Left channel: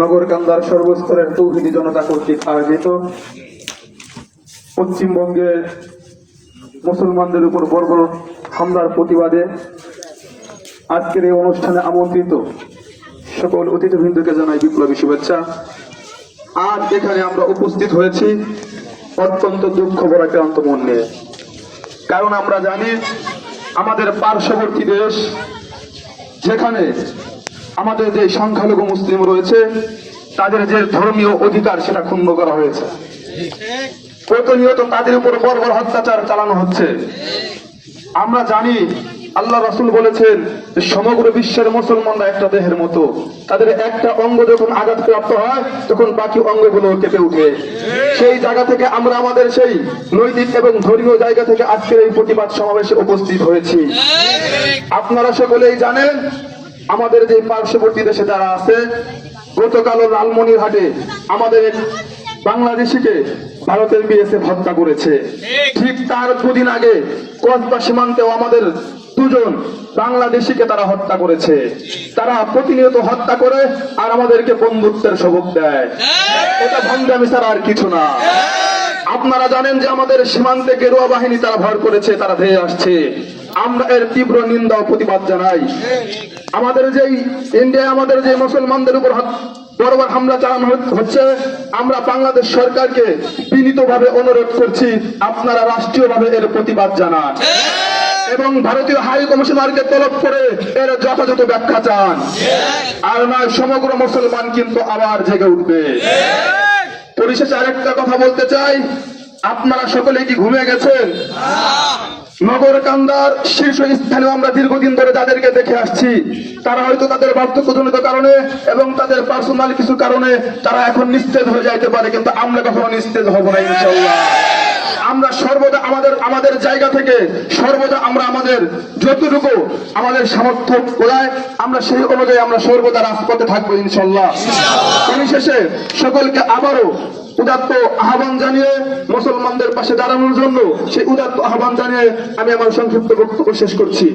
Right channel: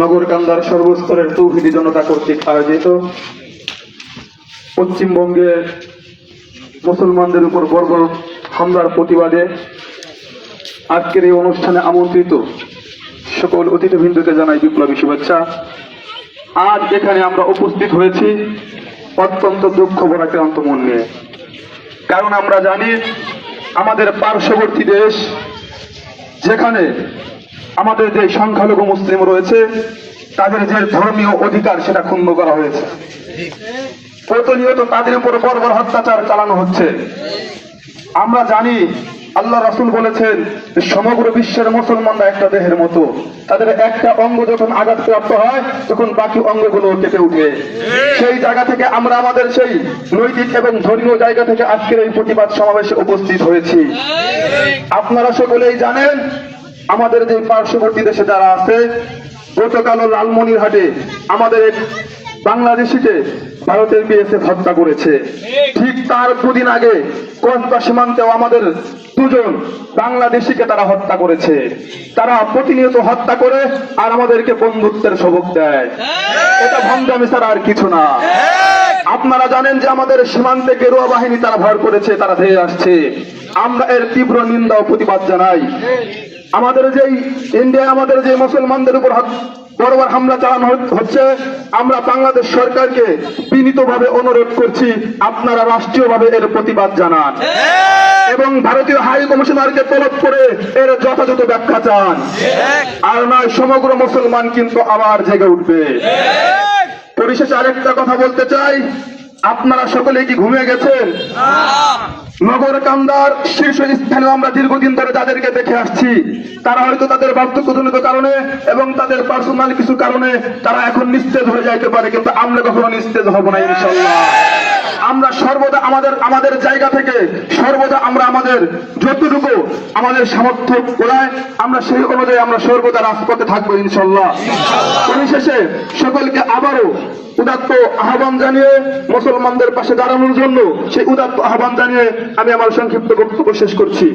নগরকান্দার সর্বস্তরের তৌহিদি জনতা কর্তৃক আয়োজিত পশ্চিমবঙ্গের মুসলমানদের উপর বর্বর হামলার প্রতিবাদে আজকের এই অনুষ্ঠানে আমন্ত্রিত সকল অতিথিবৃন্দকে জানাই বিপ্লবী শুভেচ্ছা। আজ এখানে আমরা উপস্থিত হয়েছি অত্যন্ত দুঃখ ভরা ক্লান্ত মন নিয়ে, কারণ আমরা জানি আমাদের পার্শ্ববর্তী দেশ, যেখানে আমাদের যে সংখ্যালঘু মুসলিম রয়েছে তাদের যে ধর্মীয় অধিকার সেটা ক্ষুণ্ণ করা হয়েছে। প্রতিনিয়ত তাদের উপর বর্বর অত্যাচার চালানো হচ্ছে। আমরা জানি আল্লাহ রাসূল বলেছেন সমগ্র বিশ্বের মুসলমানরা একটা দেহের মতো, তাদের একটা অঙ্গ যখন আঘাতপ্রাপ্ত হয় তখন বাকি অঙ্গগুলো কেঁপে উঠে। সেই জায়গা থেকে আমরা আমাদের সেই নৈতিক এবং ধর্মীয় জায়গা থেকে আজকের এই প্রতিবাদ সমাবেশে উপস্থিত হয়েছি। আপনারা সকলেই জানেন আমাদের যে পার্শ্ববর্তী দেশে যারা আছে, গতকালও লালমনিরহাটে আমাদের এক বাংলাদেশিকে ভারতের বিএসএফ হত্যা করেছে। ঠিক তার দুদিন আগে কসবা সীমান্তেও আমাদের দুজন বাংলাদেশিকে তারা হত্যা করেছে। তারা প্রতিনিয়ত হত্যা করে আর আমাদেরকে বন্ধুত্বের সবক দেয়। এটা ভণ্ডামি ছাড়া আর কিছু না। আপনারা জানেন যে আমাদের সীমান্তে গেরুয়া বাহিনী তারা ভর করেছে, তারা ধেয়ে আসছে। আমরা এর তীব্র নিন্দা ও প্রতিবাদ জানাই। আমাদের যেই ইন্ডিয়া আমাদের যে মুসলমানদের উপর বর্বর হামলা চালানো হচ্ছে, আমরা বাংলাদেশ সরকারকে বিনীতভাবে অনুরোধ করছি আপনারা রাষ্ট্রীয়ভাবে এর প্রতিবাদ জানান এবং ভারতীয় হাই কমিশনারকে তলব করে এর যথাযথ ব্যাখ্যা চান। আর নয় সমগ্র মুসলমান কিন্তু আবার জেগে উঠবে। পরিশেষে আরেকটা কথা বলতে চাই, আপনারা সকলে কি ঘুমিয়ে গেছেন? নগরকান্দার শীর্ষস্থানে আমরা দীর্ঘদিন ধরে যাদেরকে দেখে আসছি, তারা হয়তো তাদের বার্ধক্যজনিত কারণে এবং তাদের পার্সোনাল কিছু কারণে তারা এখন নিস্তেজ হয়ে যাইতে পারে, কিন্তু আমরা কখনো নিস্তেজ হব না ইনশাআল্লাহ। আমরা সর্বদা আমাদের জায়গা থেকে সর্বদা আমরা আমাদের যতটুকু আমাদের সামর্থ্য কোলায় আমরা সেই অনুযায়ী আমরা সর্বদা রাজপথে থাকবো ইনশাআল্লাহ। পরিশেষে সকলকে আবারও উদাত্ত আহ্বান জানিয়ে মুসলমানদের পাশে দাঁড়ানোর জন্য সেই উদাত্ত আহ্বান জানিয়ে আমি আমার সংক্ষিপ্ত বক্তব্য শেষ করছি।